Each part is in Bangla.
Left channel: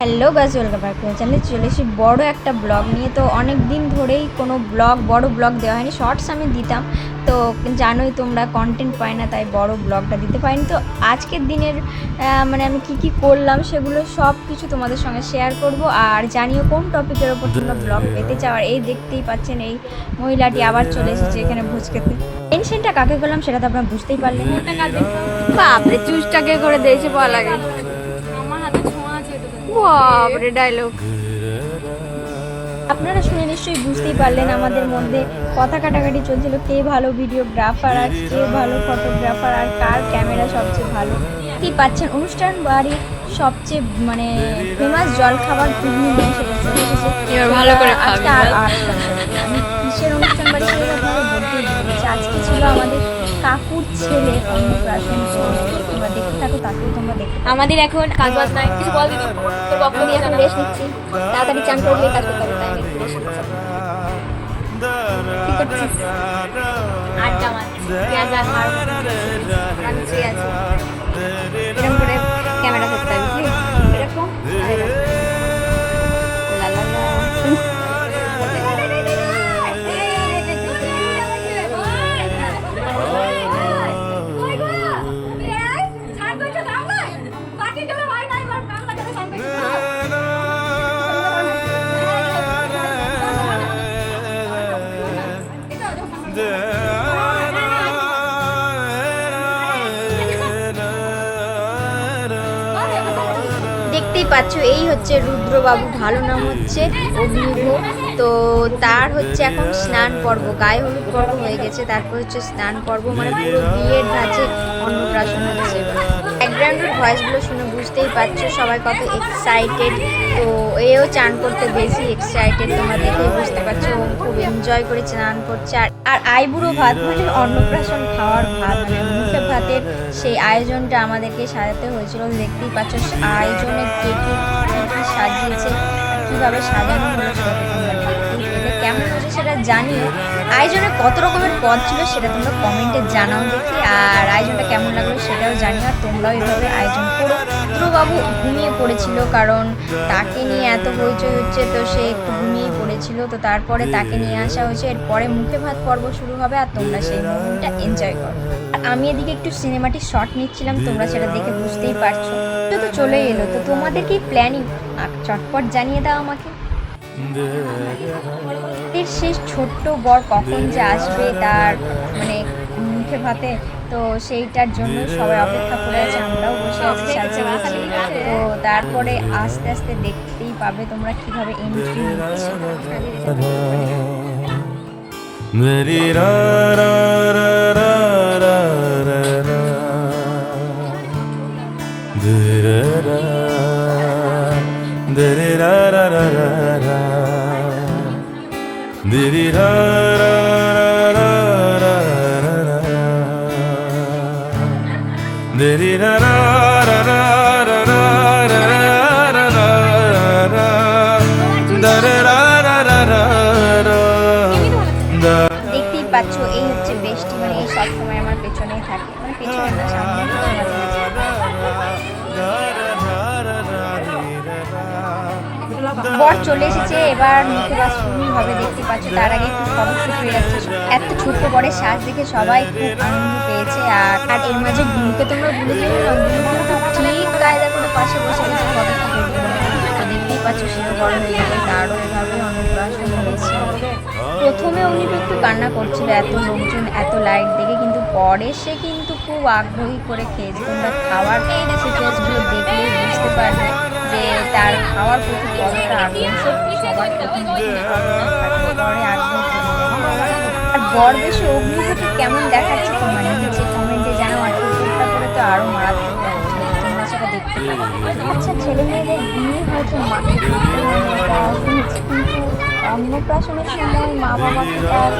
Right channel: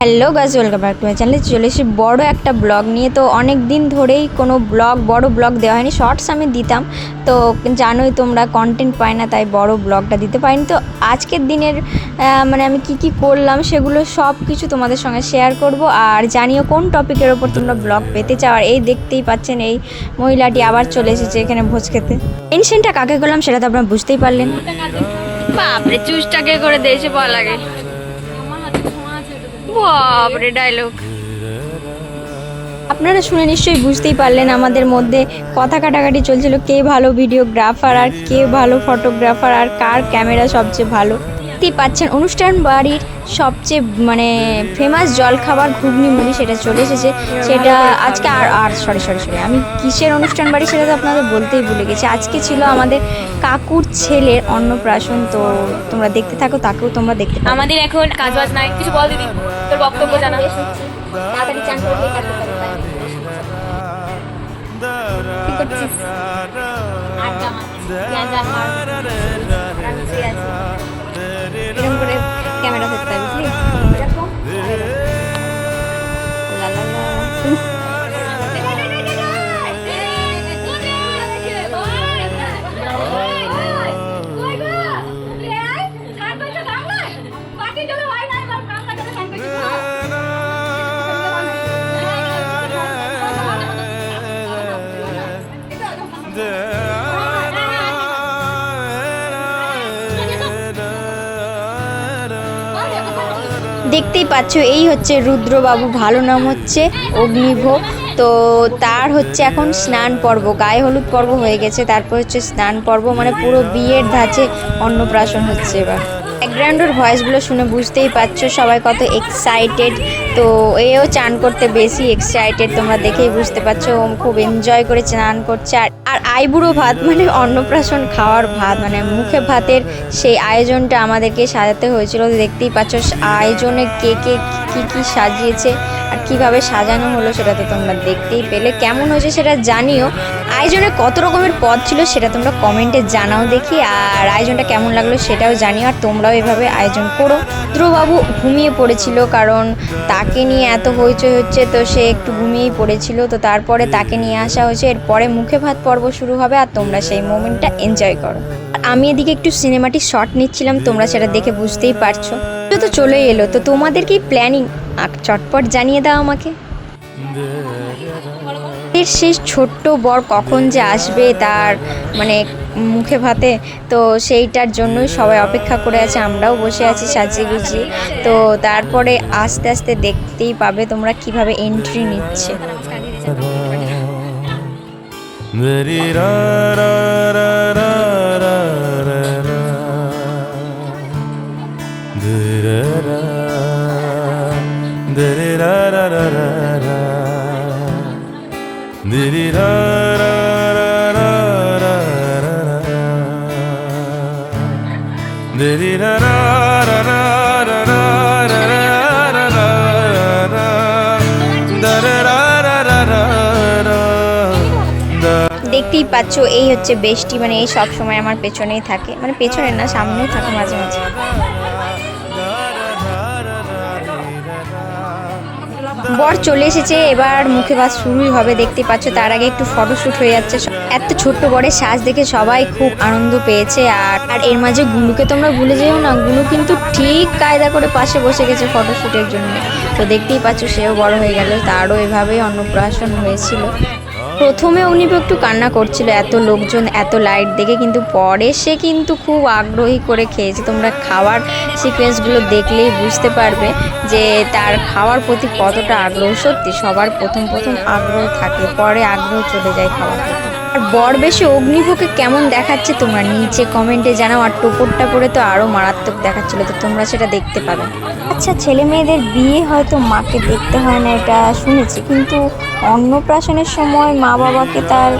Hello guys welcome back to my চ্যানেলে চলে এসেছি বড় একটা ব্লগ নিয়ে। তো অনেক দিন ধরেই কোনো ব্লগ বড় ব্লগ দেওয়া হয়নি। শর্টস আমি দিতাম। তো জানোই তোমরা কন্টেন্ট পাই না, তাই বড় ব্লগটা দিতে পারিনি। তো আজকের দিনের মানে আমি কি কি করলাম সেগুলো সব কিছু তোমাদের সঙ্গে শেয়ার করব। আর জানিও কোন টপিকের ওপর তোমরা ব্লগ পেতে চাও। আর এই দেখতেই পাচ্ছেন, এই মহিলাটি আবার চলে এসেছে এখানে ভোজ খেতে। টেনশনটা কাকে করলাম সেটা তো আপনারা বুঝতেই পারলেন বাপরে চুজটাকে করে দিয়েছে বলা লাগে বাপরে ডায়লগ আপনারা শুনে নিশ্চয়ই বুঝতেই পারলেন আমাদের মধ্যে কথা কাটাকাটি চলছিল, কে ভালো ভিডিওগ্রাফার আর কে ভালো ফটোগ্রাফার আর কার ক্যামেরা সবচেয়ে ভালো। দেখতেই পাচ্ছেন অনুষ্ঠান বাড়ির সবচেয়ে মানে ফেমাস জলখাবার ঘুগনি মুড়ি সেটা চলে এসেছে। আজকে সরি সরি সরি আমি কিসের অনুষ্ঠান বাড়ি সেটা তো আপনাদের বলতেই ভুলে গেছি। আজকে ছিল আমাদের কাকুর ছেলের অন্নপ্রাশন তো তোমরা দেখতে থাকো তাকেও তোমরা দেখতে আমাদের এখন কাজ বাজ নাই কিছু বল বক্তব্য জানা তাড়াতাড়ি চান করবে, তাই দেখতেই পাচ্ছ, এই হচ্ছে রুদ্রবাবু ভালো নাম হচ্ছে অগ্নিভোগ তো তার হচ্ছে এখন স্নান পর্ব, গায়ে হলুদ পর্ব হয়ে গেছে, তারপর হচ্ছে স্নান পর্ব মানে পুরো বিয়ের ধাঁচে অন্নপ্রাশন হচ্ছে এবার। ব্যাকগ্রাউন্ডের ভয়েসগুলো শুনে বুঝতেই পারছ সবাই কত এক্সাইটেড তো এও চান করতে বেশি এক্সাইটেড তোমরা দেখেই বুঝতে পারছ খুব এনজয় করে চান করছে। আর আর আইবুড়ো ভাত মানে অন্নপ্রাশন খাওয়ার ভাত মানে মুখে ভাতের সেই আয়োজনটা আমাদেরকে সাজাতে হয়েছিল, দেখতেই পাচ্ছ আয়োজনে কে কে কী কী সাজিয়েছে আর কীভাবে সাজানো হলো সেটা তো তোমরা দেখতেই পেলে। কেমন হয়েছে সেটা জানিও। আয়োজনে কত রকমের পদ ছিল সেটা তোমরা কমেন্টে জানাও দেখি। আর আয়োজনটা কেমন লাগল সেটাও জানিও। আর তোমরাও এভাবে আয়োজন করো। ধ্রুবাবু ঘুমিয়ে পড়েছিল কারণ তাকে নিয়ে এত হইচই হচ্ছে তো সে একটু ঘুমিয়েই পড়েছিল। তো তারপরে তাকে নিয়ে আসা হয়েছে। এরপরে মুখে ভাত পর্ব শুরু হবে আর তোমরা সেই মোমেন্টটা এনজয় করো। আমি এদিকে একটু সিনেমাটিক শট নিচ্ছিলাম। তোমরা সেটা দেখে বুঝতেই পারছ। তো চলে এলো। তো তোমাদের কি প্ল্যানিং চটপট জানিয়ে দাও আমাকে। এর সেই ছোট্ট বর কখন যে আসবে তার মানে মুখে ভাতে, তো সেইটার জন্য সবাই অপেক্ষা করে আছে, আমরাও বসে আছি, সাজিয়ে গুছিয়ে। তো তারপরে আস্তে আস্তে দেখতেই পাবে তোমরা কীভাবে এন্ট্রি নিচ্ছে। দেখতেই পাচ্ছ, এই হচ্ছে বেষ্টি মানে এই সব সময় আমার পেছনেই থাকে। মানে পেছনে না সামনে থাকে মাঝে মাঝে। বর চলে এসেছে, এবার মুখে বাস শুরুই হবে, দেখতে পাচ্ছ, তার আগে একটু ফটোশ্যুট হয়ে যাচ্ছে। এত ছোট্ট বড়ের সাজ দেখে সবাই খুব আনন্দ পেয়েছে, আর আর এর মাঝে গুলুকে তো তোমরা ভুলে যেও না, গুলু কিন্তু ঠিক কায়দা করে পাশে বসে গেছে ফটোশ্যুটের জন্য। তো দেখতেই পাচ্ছ, সেও বড় হয়ে গেল, তারও এভাবে অন্নপ্রাশন হয়েছিল। প্রথমে উনি একটু কান্না করছিল, এত লোকজন, এত লাইট দেখে, কিন্তু পরে সে কিন্তু খুব আগ্রহী করে খেয়েছে। তোমরা খাওয়ার সিকোয়েন্সগুলো দেখলেই বুঝতে পারবে যে তার খাওয়ার প্রতি কতটা আগ্রহ। সত্যি, সবার প্রথম প্রথম আগ্রহ থাকে পরে আগ্রহ চলে যায় খাওয়ার। আর বর বেশি অগ্নিভোগে কেমন দেখাচ্ছে তোমার? নিচে কমেন্টে জানাও, আর টোপরটা পরে তো আরও মারাত্মক দেখাচ্ছিল, তো তোমরা সেটা দেখতে পাবে। আচ্ছা ছেলে মেয়েদের বিয়ে হয়তো মাকে দেখতে হয় না, এটা শুনেছি, কিন্তু অন্নপ্রাশনের সময় মা বাবাকে তার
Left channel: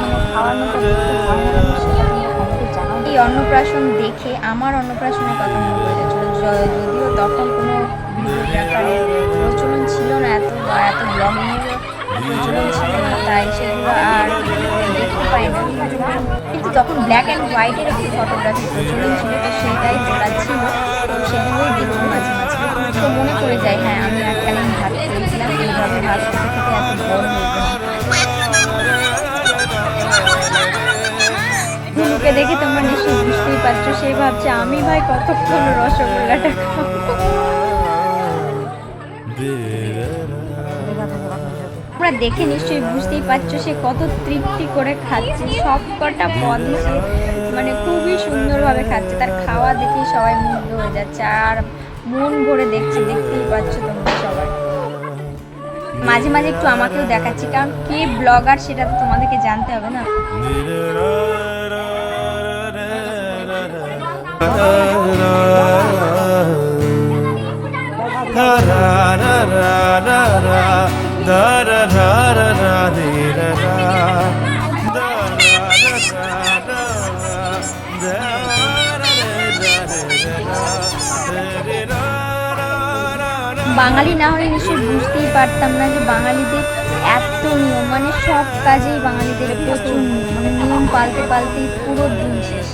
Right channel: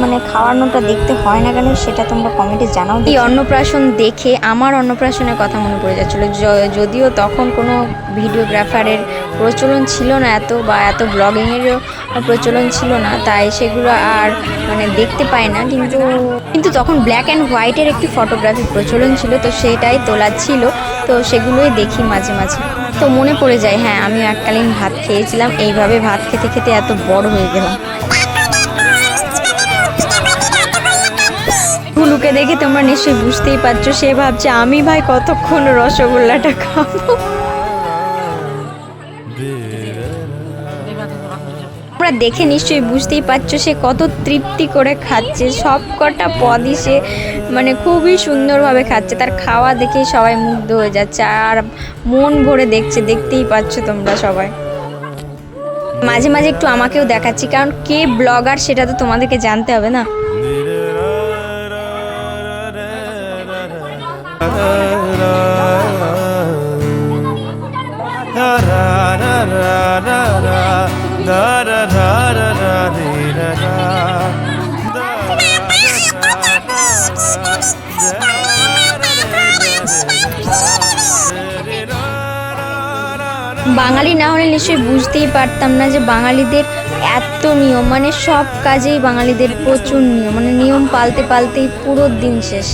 মানে খাওয়ানোটা দেখতে হয় না কেন, সেটা তোমরা কমেন্টে জানাও এই অন্নপ্রাশন দেখে আমার অন্নপ্রাশনের কথা মনে পড়ে যাচ্ছিল যদিও তখন কোনো ভিডিওগ্রাফারের প্রচলন ছিল না, এত বা এত ব্লগিংয়েরও প্রচলন ছিল না, তাই সেগুলো আর মানে দেখতে পাই না কিন্তু কিন্তু তখন ব্ল্যাক অ্যান্ড হোয়াইটের একটি ফটোগ্রাফি প্রচলন ছিল, তো সেটাই তোলা ছিল, তো সেগুলোই দেখি মাঝে মাঝে। তো মনে পড়ে যায় হ্যাঁ আমি এককালীন ভাত খেয়েছিলাম, এইভাবে ভাত খেতে খেতে এত বড় হয়ে গেলাম। গুলুকে দেখে তোমরা নিশ্চয়ই বুঝতেই পারছ, সে ভাবছে, আমি ভাই কতক্ষণ রসগোল্লাটা খাব? তোমরা দেখে নিশ্চয়ই বুঝতেই পারছ সে কত তৃপ্তি করে খাচ্ছে সব কটা পদই সে মানে খুবই সুন্দরভাবে খাচ্ছে তার খাওয়া দেখে সবাই মুগ্ধ হয়ে যাচ্ছে আর মন ভরে দেখছে দেখতেই পাচ্ছ তোমরা সবাই মাঝে মাঝে একটু আমাকেও দেখাচ্ছি কারণ কে ব্লগার সেটা তো তোমাদেরকে জানতে হবে না বাঙালি না হলে নিশ্চয়ই বুঝতেই পারতাম না যে বাঙালিদের এত নিয়ম মানে সব কাজেই বাঙালিদের প্রচুর নিয়ম মানে নিয়ম পালতে পালতেই পুরো দিন শেষ।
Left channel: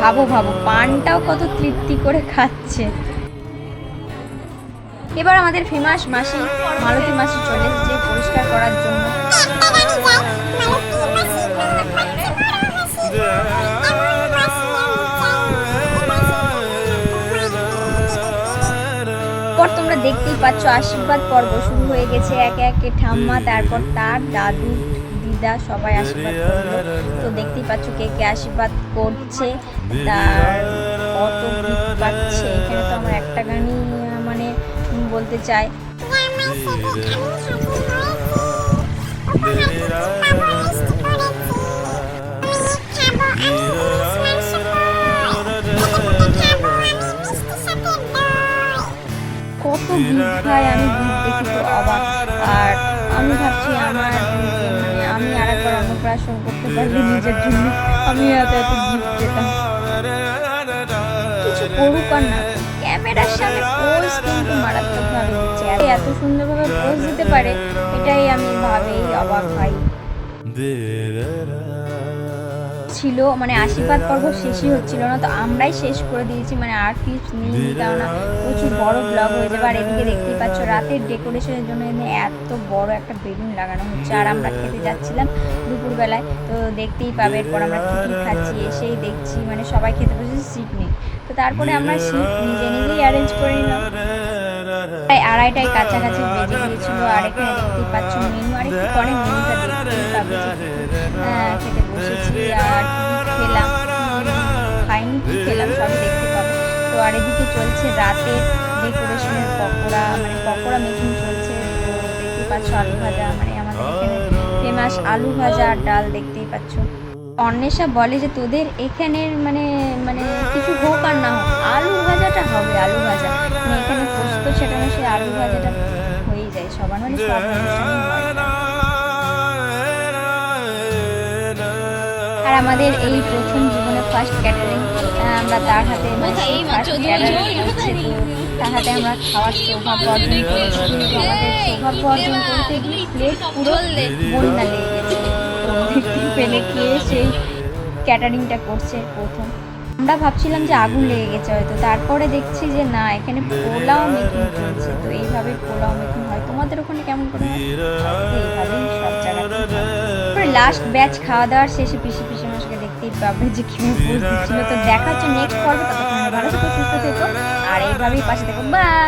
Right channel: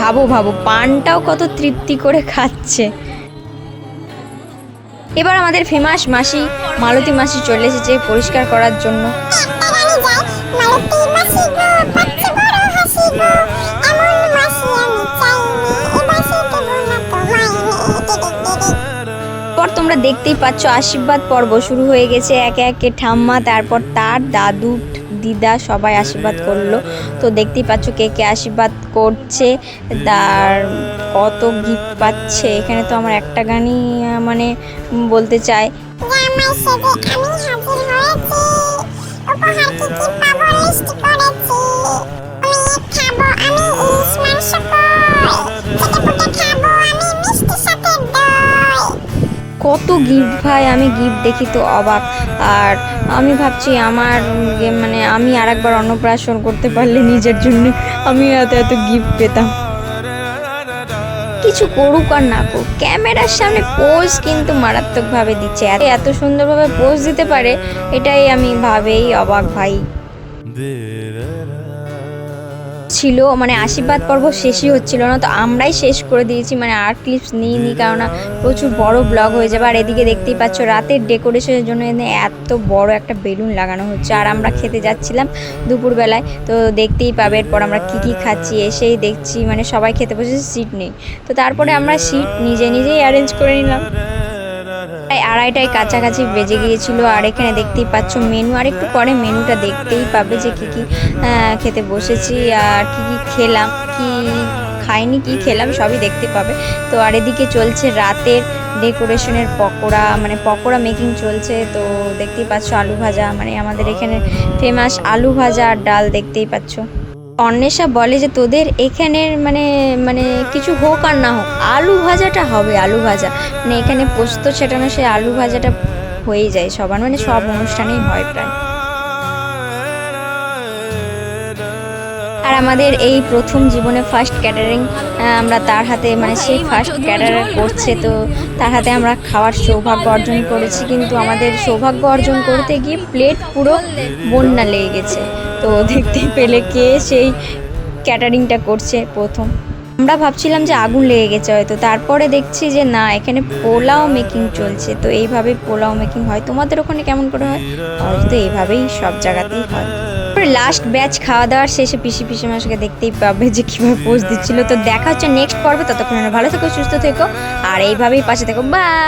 ভাবো ভাবো, পানটাও কত তৃপ্তি করে খাচ্ছে। এবার আমাদের ফেমাস মাসি মালতী মাসি চলে এসেছে পরিষ্কার করার জন্য। তোমরা দেখতেই পাচ্ছ, আশীর্বাদ পর্ব শুরু হয়ে গেছে। একে একে ঠাম্মা, তারপর তার দাদু, দিদা সবাই আশীর্বাদ করল। তো দেখতেই পাচ্ছ কে কে আশীর্বাদ করছে। তার কত গিফট পাচ্ছে। এখানে তো আমার একটা গানই মানে বলতে চাই কত গিফট ভাই, আমি গিফট দেখি তো অবাক। আর আমি ভাবছি আমার মানে আমি আর একবার অন্নপ্রাশন করতে পারলে নিজের জন্য আমি এত এত গিফট পেতাম। কিছু করুক আর না করুক, ক্যামেরার সামনে পোজ কিন্তু মারাত্মকভাবে দিচ্ছে। আর এত সুন্দরভাবে পোজ দিতে পারে, এটাই আমি ভাবেই অবাক ভাই। ছিল মানে আশীর্বাদ পর্ব শেষই হচ্ছিল না, তো আমরাই শেষ করে দিয়েছি মানে আর ক্লিপস নিইনি কারণ প্রচুর বড় ব্লগ হয়ে যাবে, আর এদিকে দেখতেই পাচ্ছ রাতের ডেকোরেশনের জন্য এখানে এত বড় একটা বেলুন লাগানো হচ্ছে, আর আমরা খেতে যাচ্ছিলাম দুপুরবেলায়, তো দেখতেই পাবে এরপর আমরা কী কী খাচ্ছি, এসেই দেখছি মানে সবাই খেতে বসেছে সিট নেই, তো তারপরে আমরা সিট নিজে নিজেই অ্যারেঞ্জ করে নিলাম। আড়াইটায় কাছাকাছি বেজে গিয়েছিল আর এখানে দেখতেই পাচ্ছ মেনু। আর একটু পরে মেনুটা দেখতেই পাবে যে কী কী খেতে বসেছি আর কী কী খেলাম, কী খাইনি, কী খেলাম সবই দেখতে পাবে। তো আর এদিকে চলছে রাতের ডেকোরেশনের পকোড়া মানে পকোড়া মেকিং চলছে। তো দেখতেই পাচ্ছ আলু ভাজা মানে আমাদের এখানে ফেমাস আলু ভাজা আর ডাল দেখতেই পাচ্ছ। অন্বেষা বলে যে তোদের এখানের মানে মানে কিছু হোক আর না হোক আলু ভাজাটা হবে আলু ভাজা। মানে এখানে পোস্ত ছেটানো সেই আলু ভাজাটা হয়ে যায় সবার মানে সব অনুষ্ঠানেই হয় প্রায়। আর আমাদের এই প্রথম জীবনে ফার্স্ট ক্যাটারিং আমরা তার হাতে মানে সেই ফার্স্ট ক্যাটারার করছে তো তার হাতে আমরা খাওয়ার সৌভাগ্য অর্জন করেছি কিন্তু আমাদের সৌভাগ্য অর্জন করতে গিয়ে প্লেট পুরো বন্যা লেগে গেছে। তো দেখতে পেলে কে সেই ক্যাটারিংটা করছে প্রথম। আমরা ভাবছিলাম যে আগুন লেগে গেছে হয়তো। তারপরে দেখছি যে না, এখানে পোলাও মেকিং চলছে। তো এইভাবে পোলাও মেকিং হয়। তোমাদের ওখানে কেমন করে হয়? তো এইভাবেই সব জায়গাতে লাস্ট ব্যাচ খাওয়া দাওয়ার শেষে পিসি পিসি মাসকে দেখতেই পাবে যে কীভাবে পোস্ট দিচ্ছিল। তো দেখা হচ্ছে নেক্সট পর্বে। ততক্ষণ ভালো থেকো, সুস্থ থেকো, আর এইভাবেই পাশে থেকো। বাই